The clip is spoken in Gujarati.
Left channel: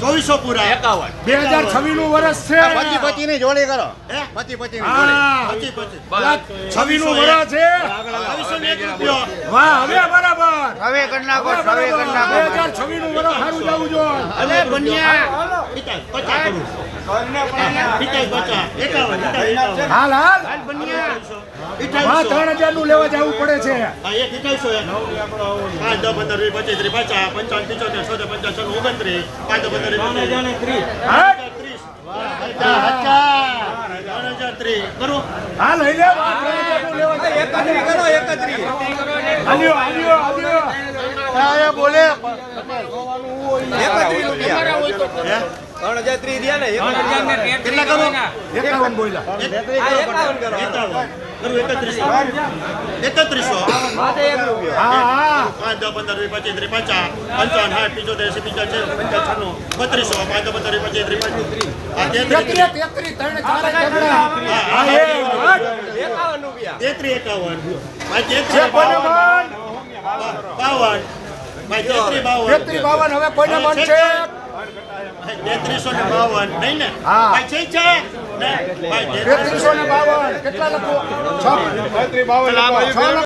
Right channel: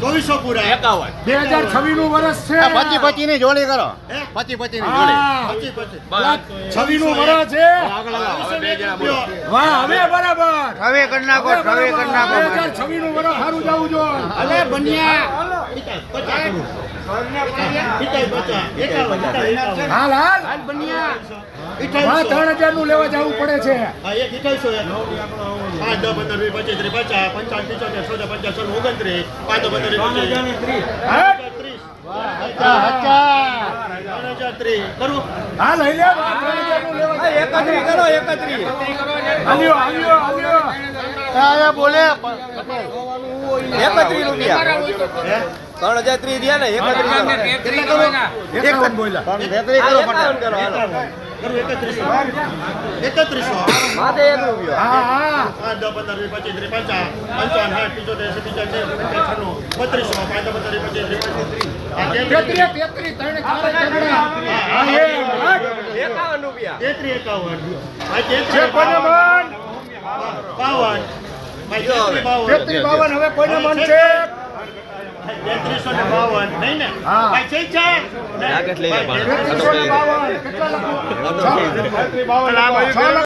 ચોવીસો પૂરા 2026 નું વર્ષ છે. પતિ ની જોડી કરો. પતિ ની છવ્વીસ નું વર્ષ છે. વાહ, હવે બરાબર. હવે કરી નાખો. 2026 નું વર્ષ સારું જવું જોઈએ. અરે બન્યા હાલ હાલ બન્યા 3000 નું લેવા જવું પડે છે. 3000 લઈ લે. 3000 નું લેવા જાય. બોલે 51 બોલ્યા. 3100 હા હા 5 10 15 20 25 30 55 60 75 32 ત્રણ ચારે ઝઘડા. હા, એ વાત. 33 51 છે કોઈને મન? 52 52 હવે કોઈને મન છે? 3352 નહીં ને હા. ભાઈ છે 3352 કેટલા લખો? 6 લખો.